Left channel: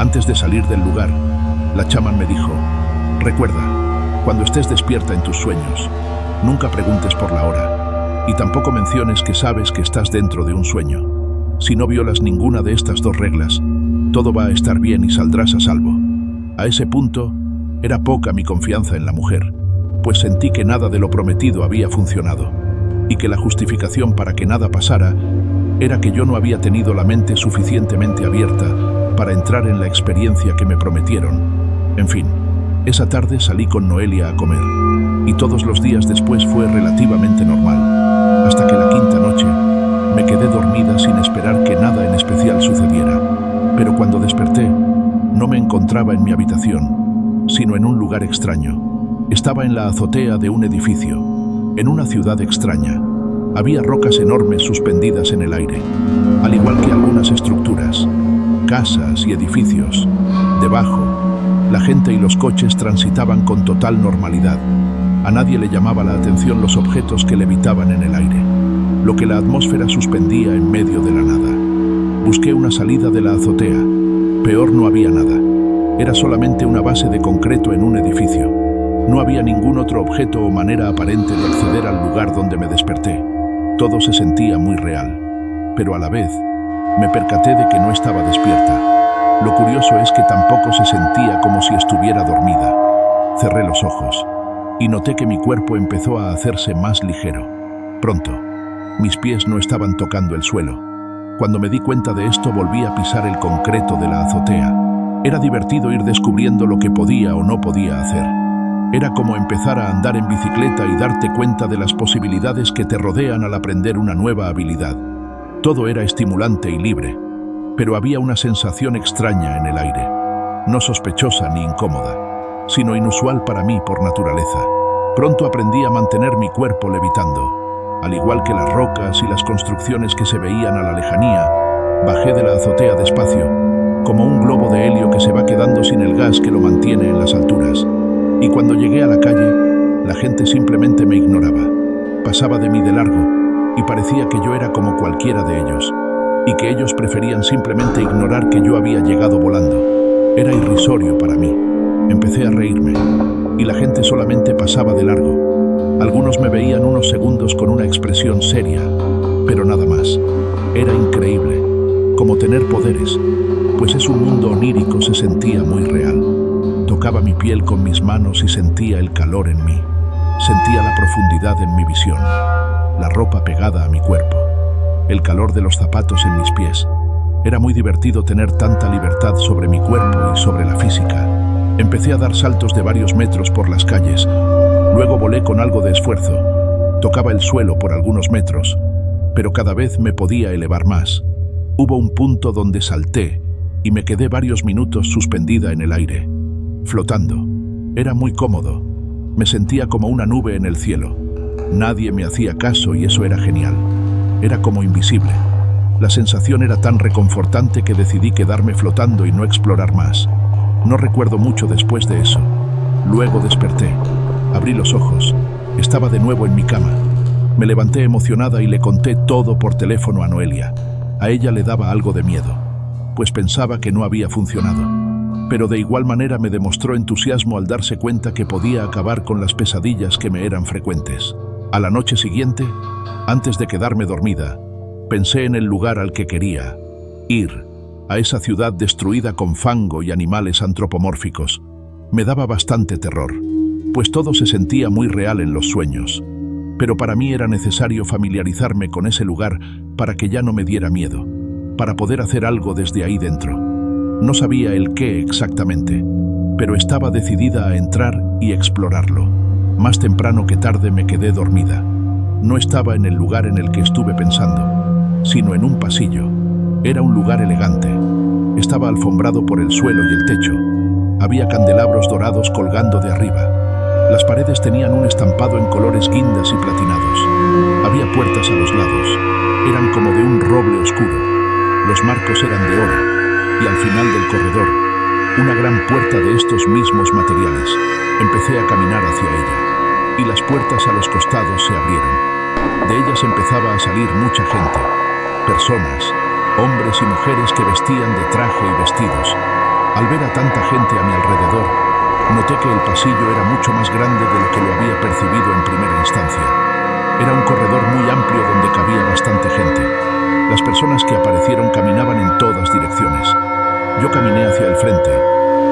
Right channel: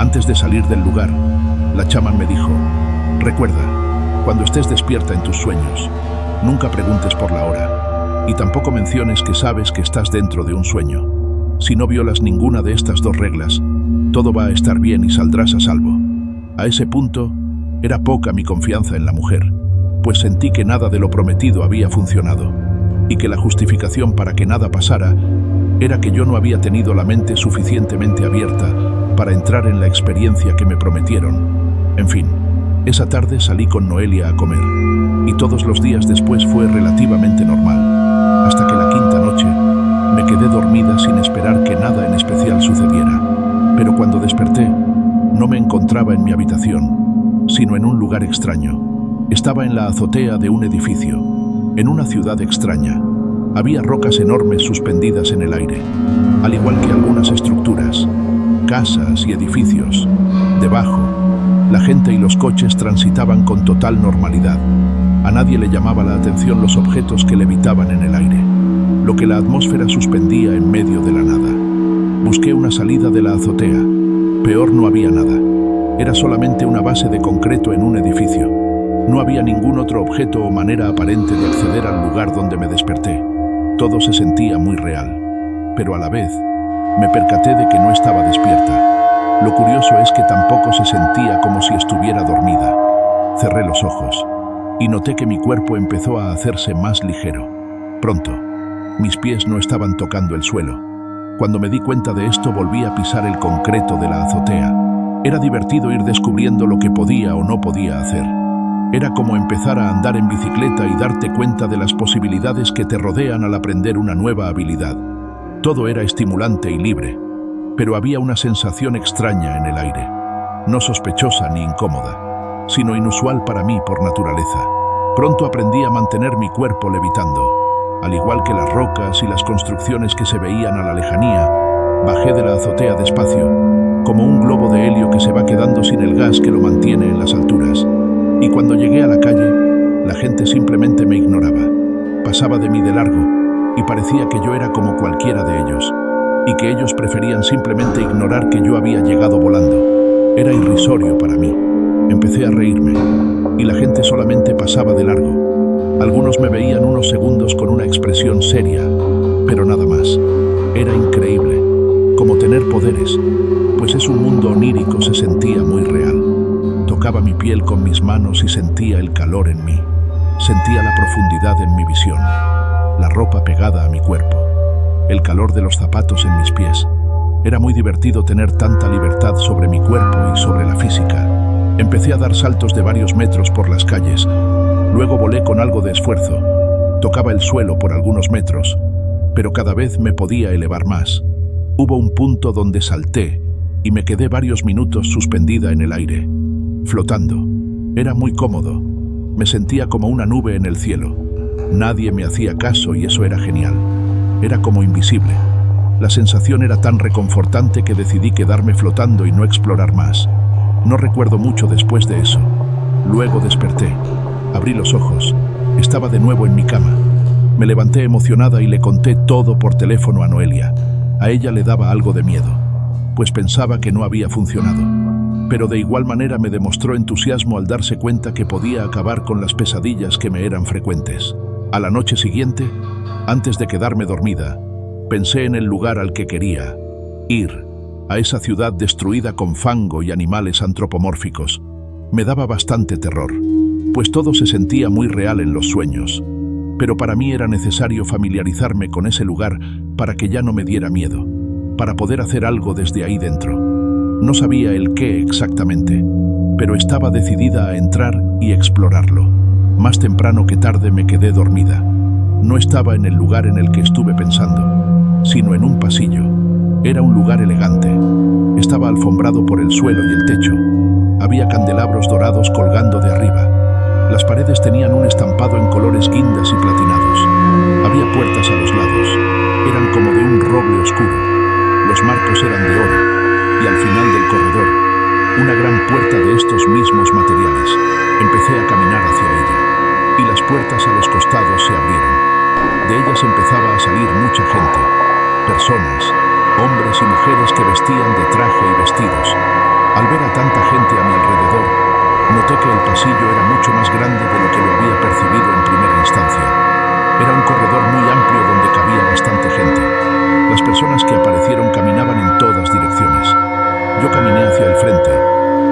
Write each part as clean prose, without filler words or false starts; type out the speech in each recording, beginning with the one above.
Antes de salir del lugar, la chamán me dijo: recuerda, cuando estés despierta en tus sueños, nunca preguntes por la hora, y tampoco menciones que sabes que estás dentro de un sueño. Si no violas ninguna de estas dos reglas, todo va a estar bien y saldrás a salvo. A ese punto, era poca mi confianza en la mujer, pues sentí que nada de lo prometido había funcionado, y que la justificación para que nada pasara era que yo no había tenido la mente suficientemente abierta para entrar en la experiencia que me prometieron. En fin, esa tarde salí con Noelia a comer, y todos los días después fue relativamente normal, hasta que la quinta noche me quedé dormida sin esperar que nada en especial sucediera. Pero cuando desperté, no me encontraba en mi habitación, sino en un lugar extraño. Estaba en la azotea de un edificio, en una ciudad extraña. Había rocas enormes suspendidas en el aire, al igual que algunas estructuras, casas y edificios. Debajo, la gente y los coches transitaban con total normalidad. A nadie le llamaba la atención los objetos que levitaban en el aire, lo que la atmósfera suspendía en medio de la nada. Busqué una salida de la azotea. Peor, no había nada. Era solamente una base de concreto en un edificio. No había ningún otro objeto o manera aparente de acceder al lugar donde me desperté. Todo se sentía muy real, pero a la vez me percaté de que no estaba despierta. Lo curioso es que tampoco se sentía como si estuviera dormida. Cerré los ojos y noté que mi cuerpo empezó a hacerse más ligero. Pronto, mis pies no estaban tocando el suelo. Cuando me di cuenta de esto, volví a pisar el concreto de la azotea. Era divertido ir descubriendo lo que podía o no podía hacer. Era como empezar a andar en bicicleta y darte cuenta de las posibilidades que te rodean al aprender una nueva habilidad. Todo era estimulante y libre, pero había una sensación extraña en el aire, no sospechosa ni incómoda, sino inusual para mí por naturaleza. Pronto aprendí a mantener mi cuerpo levitando. Al igual que las rocas y las construcciones que se veían a la lejanía, bajé de la azotea despacio, como un globo de helio que se va quedando sin el gas que lo mantiene en las alturas. Y cuando llegué a la calle, la gente simplemente me ignoraba. Pasaba de mí de largo, y parecía que yo era como cualquiera de ellos, y que ellos preferían simplemente ignorar que yo había llegado volando. Era irrisorio para mí. Empecé a reírme, y la gente solamente pasaba de largo. Algunos me veían unos segundos con una expresión seria, pero nada más. Era increíble, como tener poderes, pues es un mundo onírico. Se sentía muy real. Tocaba mi piel con mis manos y sentía el calor en mí. Sentía la profundidad en mi visión, la ropa pegada a mi cuerpo, el calor de los zapatos en mis pies. Era muy divertido tener tanta libertad sobre mi cuerpo y sobre la física. Empecé a dar saltos de varios metros por las calles. Luego volé con algo de esfuerzo. Tocaba el suelo por algunos metros, pero cada vez me podía elevar más. Hubo un punto donde salté y me quedé varios minutos suspendida en el aire, flotando. Era muy cómodo. Me sentía como una nube en el cielo. Nadie me hacía caso y eso era genial. Era como invisible. La sensación era tan reconfortante que decidí quedarme flotando y no explorar más. No recuerdo mucho después de eso. Luego desperté. Abrí los ojos. Estaba de nuevo en mi cama. Me levanté emocionada y le conté todo por teléfono a Noelia. A ella le daba algo de miedo, pues pensaba que no había funcionado. Pero de igual manera me demostró entusiasmo al darse cuenta que podía acabar con las pesadillas que me eran frecuentes. A la noche siguiente, antes de quedarme dormida, pensé en el lugar al que quería ir, a esa ciudad destruida con fango y animales antropomórficos. Me daba bastante terror, pues todo se sentía muy real en los sueños. Pero para mí era necesario familiarizarme con ese lugar para que ya no me diera miedo, para poder hacer algo desde ahí dentro. No sabía el qué exactamente, pero estaba decidida a entrar y explorarlo. Más temprano que tarde me quedé dormida. No estaba en el lugar en el que estuve pensando, sino en un pasillo. Era un lugar elegante. Estaba alfombrado por el suelo y el techo. Había candelabros dorados colgando de arriba. Las paredes tenían un estampado en colores guindas y platinados. Había puertas a los lados. Eran como de un roble oscuro. Los marcos eran de oro. Y al final del corredor, una gran puerta de estos mismos materiales. Empecé a caminar hacia ella, y las puertas a los costados se abrieron. De ellas empezaba a salir mucha gente, personas, hombres y mujeres que vestían de traje y vestidos. Al ver a tanta gente a mi alrededor, noté que el pasillo era mucho más grande de lo que lo había percibido en primera instancia. Era un corredor muy amplio donde cabía bastante gente. Las personas que aparecieron caminaban en todas direcciones. Yo caminé hacia el frente,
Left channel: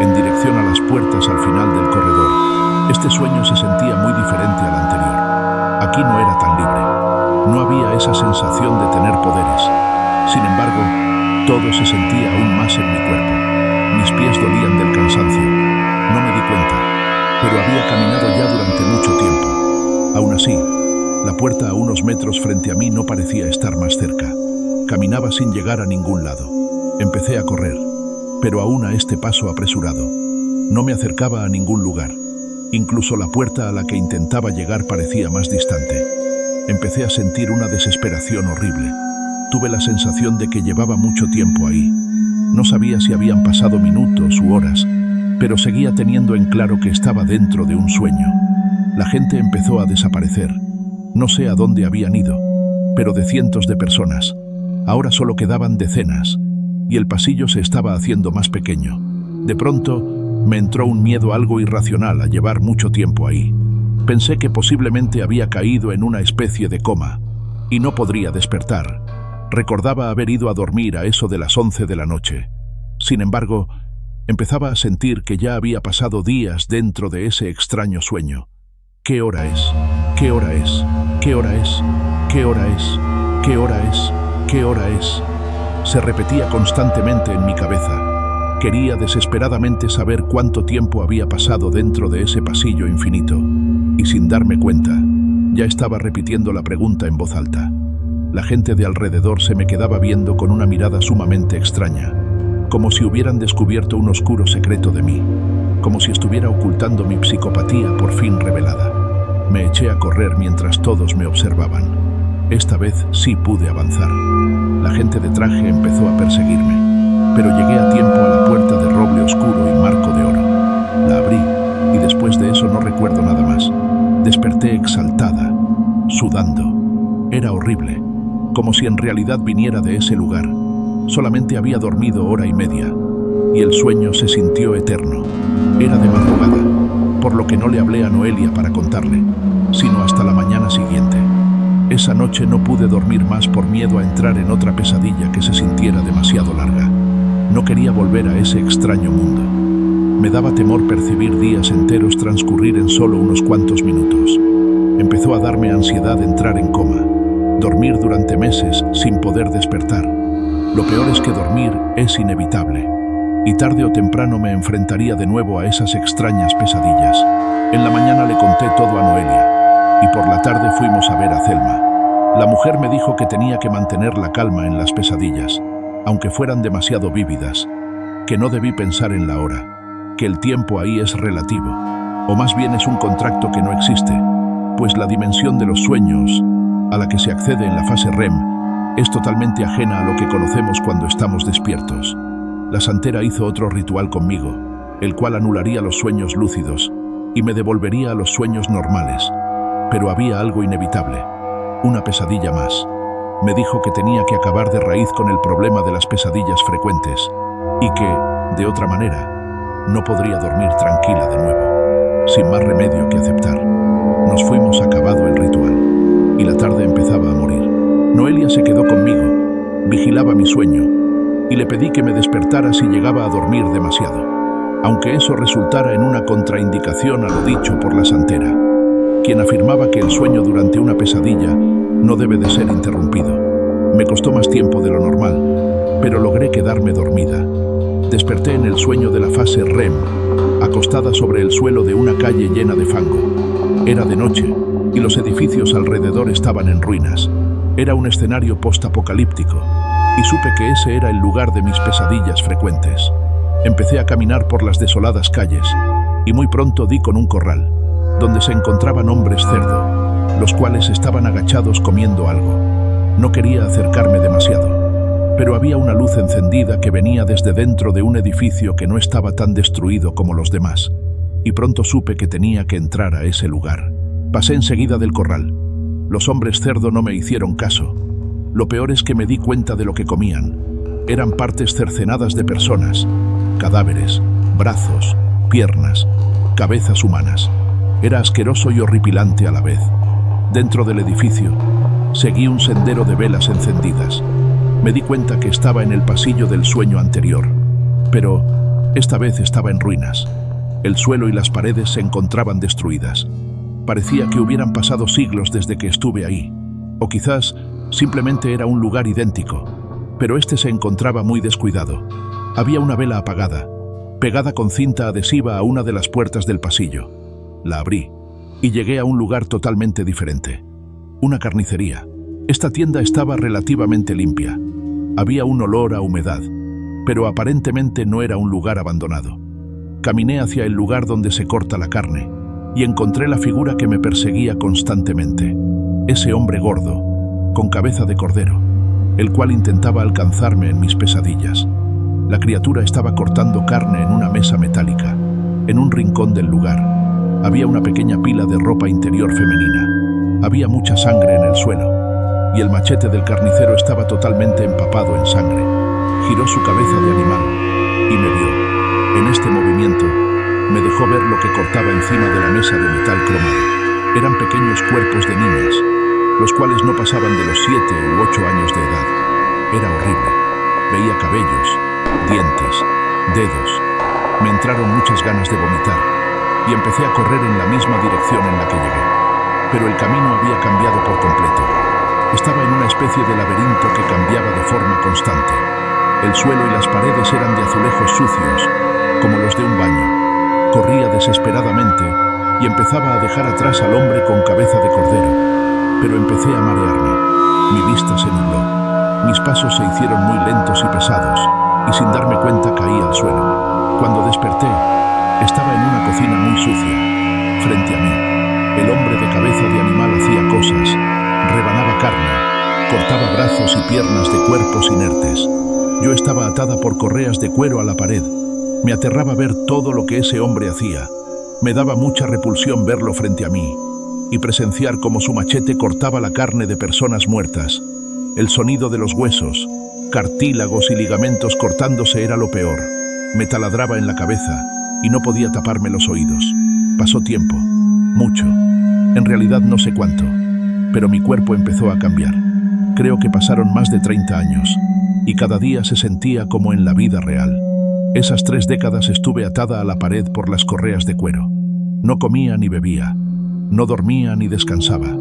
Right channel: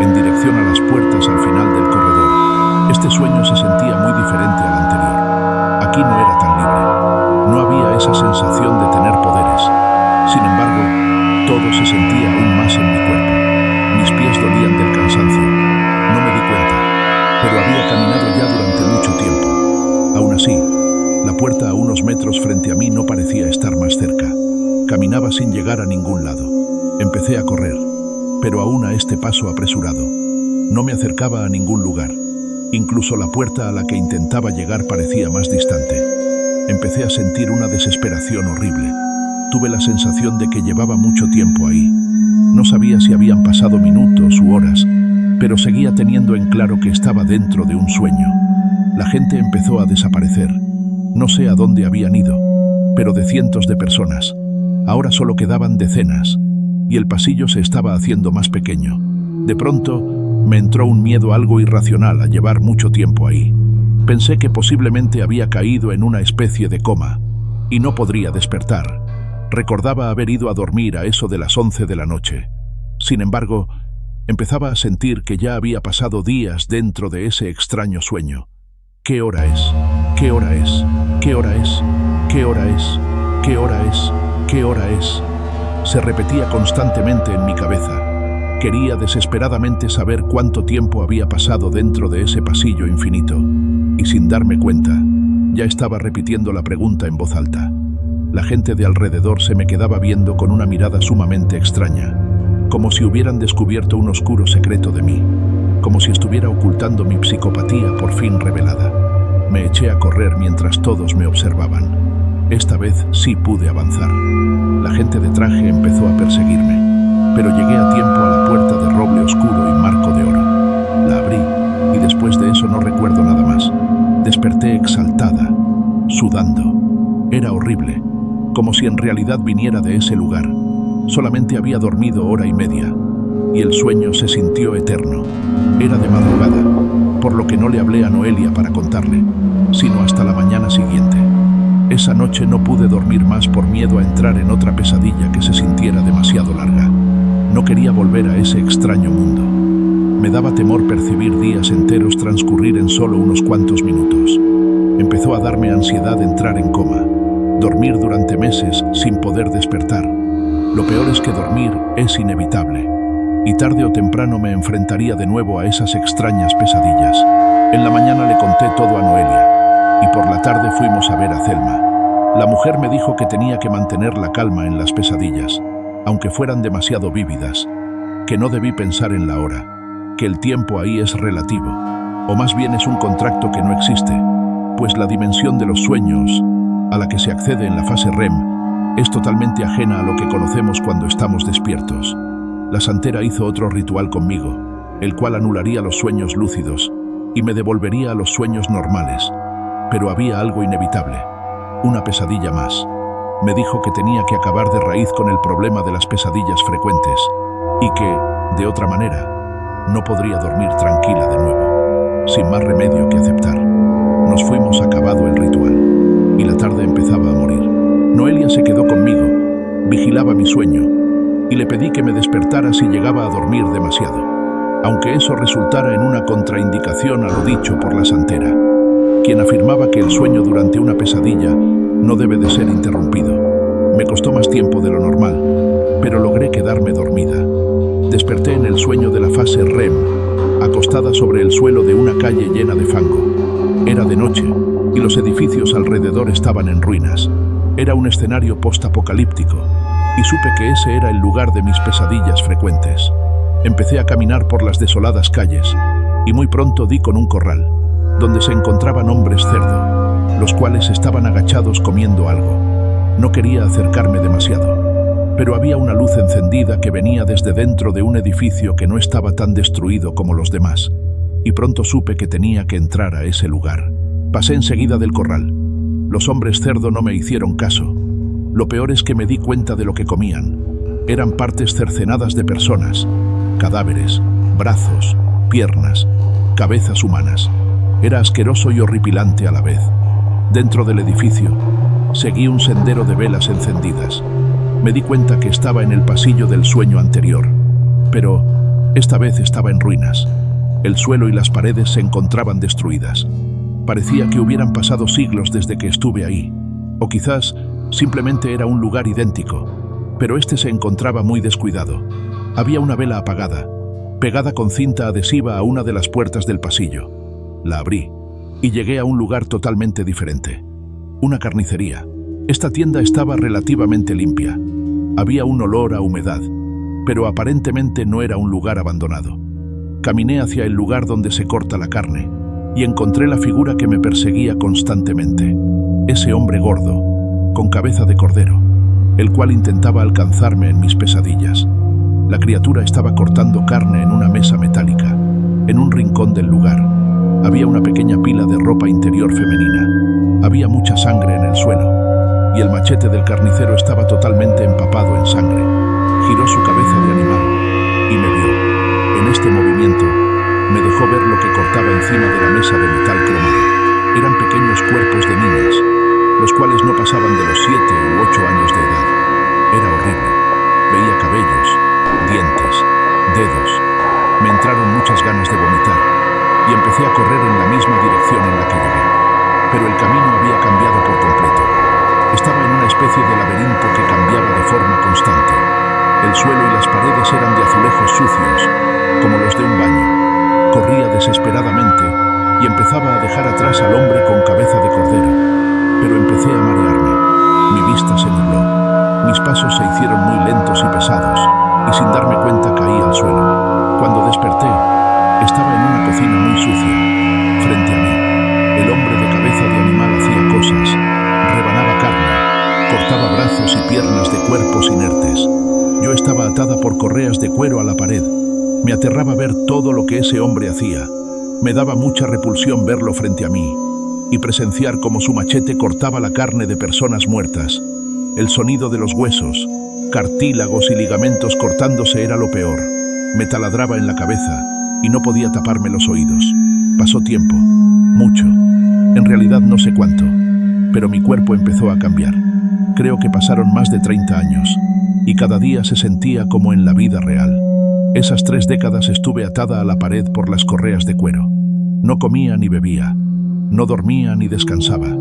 en dirección a las puertas al final del corredor. Este sueño se sentía muy diferente al anterior. Aquí no era tan libre. No había esa sensación de tener poderes. Sin embargo, todo se sentía aún más en mi cuerpo. Mis pies dolían del cansancio. No me di cuenta, pero había caminado ya durante mucho tiempo. Aún así, la puerta a unos metros frente a mí no parecía estar más cerca. Caminaba sin llegar a ningún lado. Empecé a correr, pero aún a este paso apresurado. No me acercaba a ningún lugar. Incluso la puerta a la que intentaba llegar parecía más distante. Empecé a sentir una desesperación horrible. Tuve la sensación de que llevaba mucho tiempo ahí. No sabía si habían pasado minutos u horas, pero seguía teniendo en claro que estaba dentro de un sueño. La gente empezó a desaparecer. No sé a dónde habían ido, pero de cientos de personas. Ahora solo quedaban decenas, y el pasillo se estaba haciendo más pequeño. De pronto, me entró un miedo algo irracional a llevar mucho tiempo ahí. Pensé que posiblemente había caído en una especie de coma, y no podría despertar. Recordaba haber ido a dormir a eso de las 11 de la noche. Sin embargo, empezaba a sentir que ya había pasado días dentro de ese extraño sueño. ¿Qué hora es? ¿Qué hora es? ¿Qué hora es? ¿Qué hora es? ¿Qué hora es? ¿Qué hora es? Se repetía constantemente en mi cabeza. Quería desesperadamente saber cuánto tiempo había pasado dentro de ese pasillo infinito. Y sin darme cuenta, ya estaba repitiendo la pregunta en voz alta. La gente de alrededor se me quedaba viendo con una mirada sumamente extraña, como si hubieran descubierto un oscuro secreto de mí, como si estuviera ocultando mi psicopatía por fin revelada. Me eché a correr mientras todos me observaban. Esta vez sí pude avanzar. La gente de traje empezó a perseguirme, pero llegué a tiempo a la puerta de roble oscuro y marco de oro. La abrí, y después de eso no recuerdo nada más. Desperté exaltada, sudando. Era horrible, como si en realidad viniera de ese lugar. Solamente había dormido hora y media, y el sueño se sintió eterno. Era de madrugada, por lo que no le hablé a Noelia para contarle, sino hasta la mañana siguiente. Esa noche no pude dormir más por miedo a entrar en otra pesadilla que se sintiera demasiado larga. No quería volver a ese extraño mundo. Me daba temor percibir días enteros transcurrir en solo unos cuantos minutos. Empezó a darme ansiedad entrar en coma, dormir durante meses sin poder despertar. Lo peor es que dormir es inevitable, y tarde o temprano me enfrentaría de nuevo a esas extrañas pesadillas. En la mañana le conté todo a Noelia, y por la tarde fuimos a ver a Thelma. La mujer me dijo que tenía que mantener la calma en las pesadillas, aunque fueran demasiado vívidas, que no debí pensar en la hora, que el tiempo ahí es relativo, o más bien es un contrato que no existe, pues la dimensión de los sueños, a la que se accede en la fase REM, es totalmente ajena a lo que conocemos cuando estamos despiertos. La santera hizo otro ritual conmigo, el cual anularía los sueños lúcidos y me devolvería a los sueños normales. Pero había algo inevitable, una pesadilla más. Me dijo que tenía que acabar de raíz con el problema de las pesadillas frecuentes y que, de otra manera, no podría dormir tranquila de nuevo. Sin más remedio que aceptar, nos fuimos acabado el ritual y la tarde empezaba a morir. Noelia se quedó conmigo, vigilaba mi sueño y le pedí que me despertara si llegaba a dormir demasiado, aunque eso resultara en una contraindicación a lo dicho por la santera, quien afirmaba que el sueño durante una pesadilla no debe de ser interrumpido. Me costó más tiempo de lo normal, pero logré quedarme dormida. Desperté en el sueño de la fase REM, acostada sobre el suelo de una calle llena de fango. Era de noche, y los edificios alrededor estaban en ruinas. Era un escenario postapocalíptico, y supe que ese era el lugar de mis pesadillas frecuentes. Empecé a caminar por las desoladas calles, y muy pronto di con un corral, donde se encontraban hombres cerdo, los cuales estaban agachados comiendo algo. No quería acercarme demasiado, pero había una luz encendida que venía desde dentro de un edificio que no estaba tan destruido como los demás, y pronto supe que tenía que entrar a ese lugar. Pasé enseguida del corral. Los hombres cerdo no me hicieron caso. Lo peor es que me di cuenta de lo que comían. Eran partes cercenadas de personas, cadáveres, brazos, piernas, cabezas humanas. Era asqueroso y horripilante a la vez. Dentro del edificio, seguí un sendero de velas encendidas. Me di cuenta que estaba en el pasillo del sueño anterior, pero esta vez estaba en ruinas. El suelo y las paredes se encontraban destruidas. Parecía que hubieran pasado siglos desde que estuve ahí, o quizás simplemente era un lugar idéntico, pero este se encontraba muy descuidado. Había una vela apagada, pegada con cinta adhesiva a una de las puertas del pasillo. La abrí y llegué a un lugar totalmente diferente. Una carnicería. Esta tienda estaba relativamente limpia. Había un olor a humedad, pero aparentemente no era un lugar abandonado. Caminé hacia el lugar donde se corta la carne y encontré la figura que me perseguía constantemente. Ese hombre gordo, con cabeza de cordero, el cual intentaba alcanzarme en mis pesadillas. La criatura estaba cortando carne en una mesa metálica. En un rincón del lugar había una pequeña pila de ropa interior femenina. Había mucha sangre en el suelo, y el machete del carnicero estaba totalmente empapado en sangre. Giró su cabeza de animal y me vio. En este movimiento, me dejó ver lo que cortaba encima de la mesa de metal cromado. Eran pequeños cuerpos de niñas, los cuales no pasaban de los 7 u 8 años de edad. Era horrible. Veía cabellos, dientes, dedos. Me entraron muchas ganas de vomitar y empecé a correr en la misma dirección en la que llegué. Pero el camino había cambiado por completo. Estaba en una especie de laberinto que cambiaba de forma constante. El suelo y las paredes eran de azulejos sucios, como los de un baño. Corría desesperadamente y empezaba a dejar atrás al hombre con cabeza de cordero. Pero empecé a marearme. Mi vista se nubló. Mis pasos se hicieron muy lentos y pesados, y sin darme cuenta caí al suelo. Cuando desperté, estaba en una cocina muy sucia. Frente a mí, el hombre de cabeza de animal hacía cosas, rebanaba carne, cortaba brazos y piernas de cuerpos inertes. Yo estaba atada por correas de cuero a la pared. Me aterraba ver todo lo que ese hombre hacía. Me daba mucha repulsión verlo frente a mí y presenciar cómo su machete cortaba la carne de personas muertas. El sonido de los huesos, cartílagos y ligamentos cortándose era lo peor. Me taladraba en la cabeza y no podía taparme los oídos. Pasó tiempo, mucho. En realidad no sé cuánto, pero mi cuerpo empezó a cambiar. Creo que pasaron más de 30 años y cada día se sentía como en la vida real. Esas 3 décadas estuve atada a la pared por las correas de cuero. No comía ni bebía, no dormía ni descansaba.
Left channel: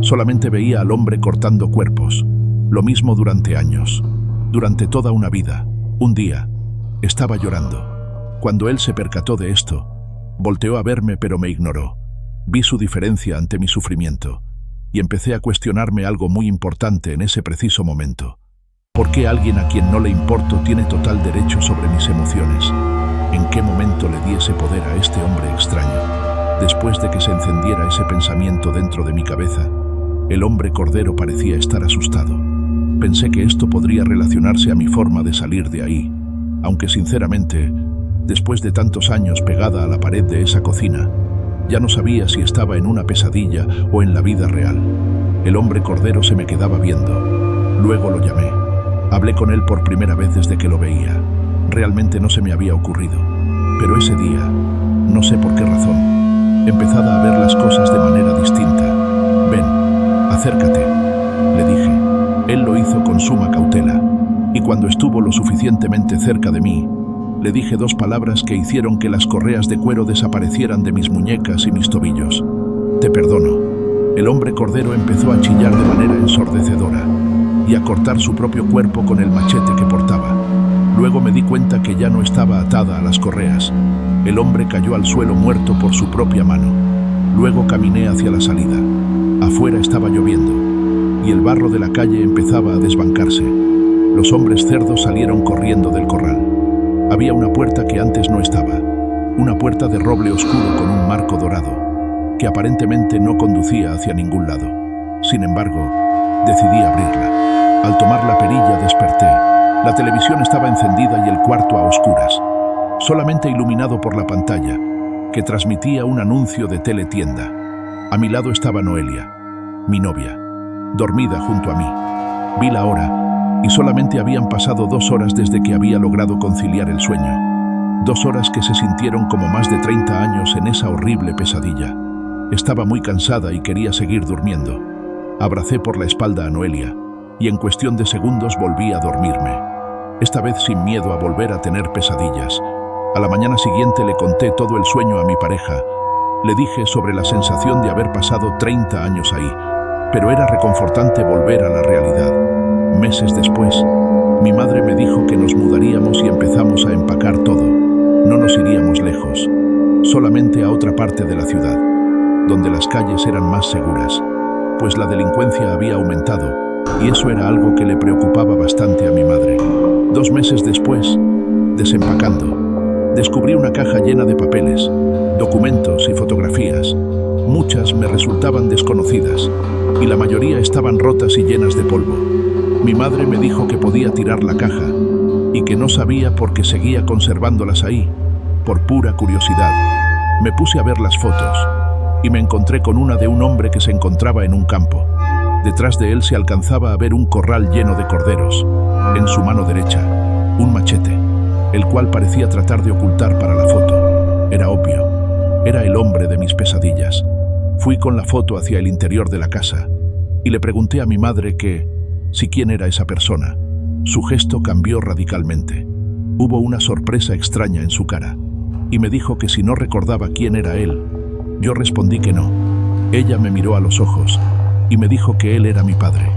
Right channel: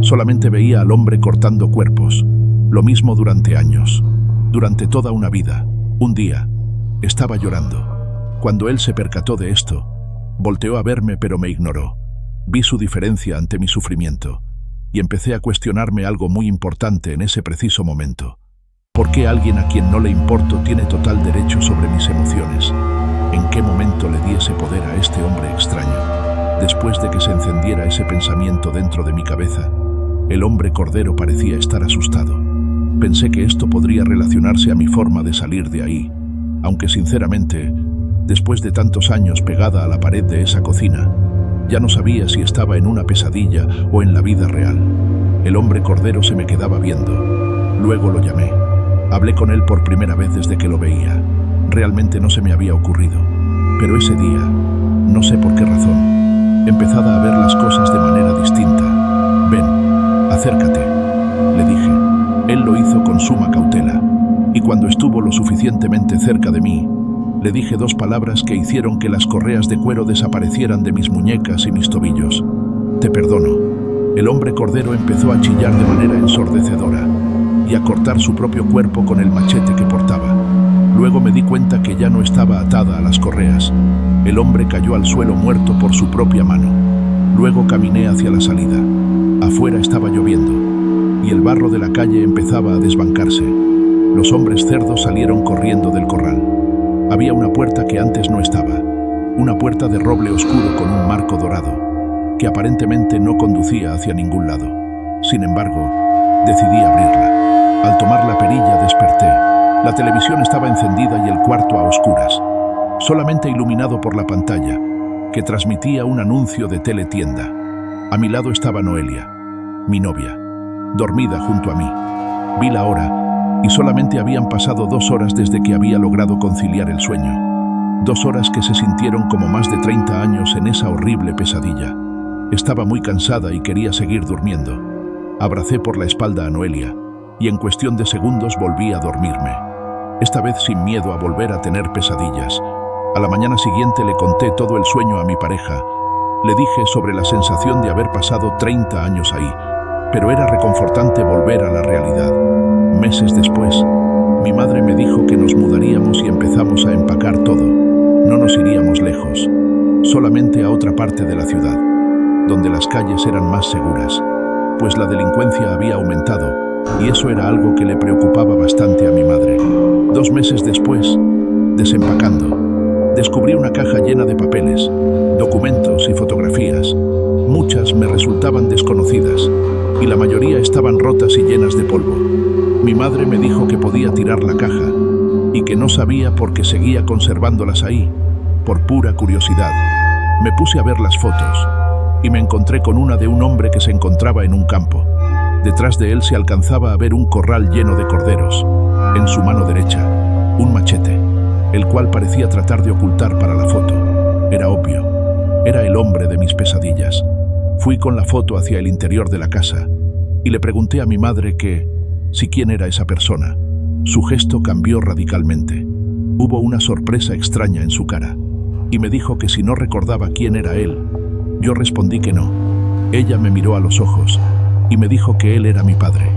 Solamente veía al hombre cortando cuerpos. Lo mismo durante años, durante toda una vida. Un día, estaba llorando. Cuando él se percató de esto, volteó a verme pero me ignoró. Vi su diferencia ante mi sufrimiento y empecé a cuestionarme algo muy importante en ese preciso momento. ¿Por qué alguien a quien no le importo tiene total derecho sobre mis emociones? ¿En qué momento le di ese poder a este hombre extraño? Después de que se encendiera ese pensamiento dentro de mi cabeza, el hombre cordero parecía estar asustado. Pensé que esto podría relacionarse a mi forma de salir de ahí, aunque sinceramente, después de tantos años pegada a la pared de esa cocina, ya no sabía si estaba en una pesadilla o en la vida real. El hombre cordero se me quedaba viendo. Luego lo llamé. Hablé con él por primera vez desde que lo veía. Realmente no se me había ocurrido. Pero ese día, no sé por qué razón, empezaba a ver las cosas de manera distinta. «Ven, acércate», le dije. Él lo hizo con suma cautela, y cuando estuvo lo suficientemente cerca de mí, le dije 2 palabras que hicieron que las correas de cuero desaparecieran de mis muñecas y mis tobillos. «Te perdono». El hombre cordero empezó a chillar de manera ensordecedora y a cortar su propio cuerpo con el machete que portaba. Luego me di cuenta que ya no estaba atada a las correas. El hombre cayó al suelo muerto por su propia mano. Luego caminé hacia la salida. Afuera estaba lloviendo y el barro de la calle empezaba a desbancarse. Los hombres cerdos salieron corriendo del corral. Había una puerta que antes no estaba, una puerta de roble oscuro con un marco dorado, que aparentemente no conducía hacia ningún lado. Sin embargo, decidí abrirla. Al tomar la perilla desperté. La televisión estaba encendida y el cuarto a oscuras, solamente iluminado por la pantalla, que transmitía un anuncio de teletienda. A mi lado estaba Noelia, mi novia, dormida junto a mí. Vi la hora y solamente habían pasado 2 horas desde que había logrado conciliar el sueño. 2 horas que se sintieron como más de 30 años en esa horrible pesadilla. Estaba muy cansada y quería seguir durmiendo. Abracé por la espalda a Noelia y en cuestión de segundos volví a dormirme. Esta vez sin miedo a volver a tener pesadillas. A la mañana siguiente le conté todo el sueño a mi pareja. Le dije sobre la sensación de haber pasado 30 años ahí, pero era reconfortante volver a la realidad. Meses después, mi madre me dijo que nos mudaríamos y empezamos a empacar todo. No nos iríamos lejos, solamente a otra parte de la ciudad, donde las calles eran más seguras, pues la delincuencia había aumentado y eso era algo que le preocupaba bastante a mi madre. 2 meses después, desempacando, descubrí una caja llena de papeles, documentos y fotografías. Muchas me resultaban desconocidas y la mayoría estaban rotas y llenas de polvo. Mi madre me dijo que podía tirar la caja y que no sabía por qué seguía conservándolas ahí, por pura curiosidad. Me puse a ver las fotos y me encontré con una de un hombre que se encontraba en un campo. Detrás de él se alcanzaba a ver un corral lleno de corderos. En su mano derecha, un machete, el cual parecía tratar de ocultar para la foto. Era obvio, era el hombre de mis pesadillas. Fui con la foto hacia el interior de la casa y le pregunté a mi madre si quién era esa persona. Su gesto cambió radicalmente. Hubo una sorpresa extraña en su cara y me dijo que si no recordaba quién era él. Yo respondí que no. Ella me miró a los ojos y me dijo que él era mi padre.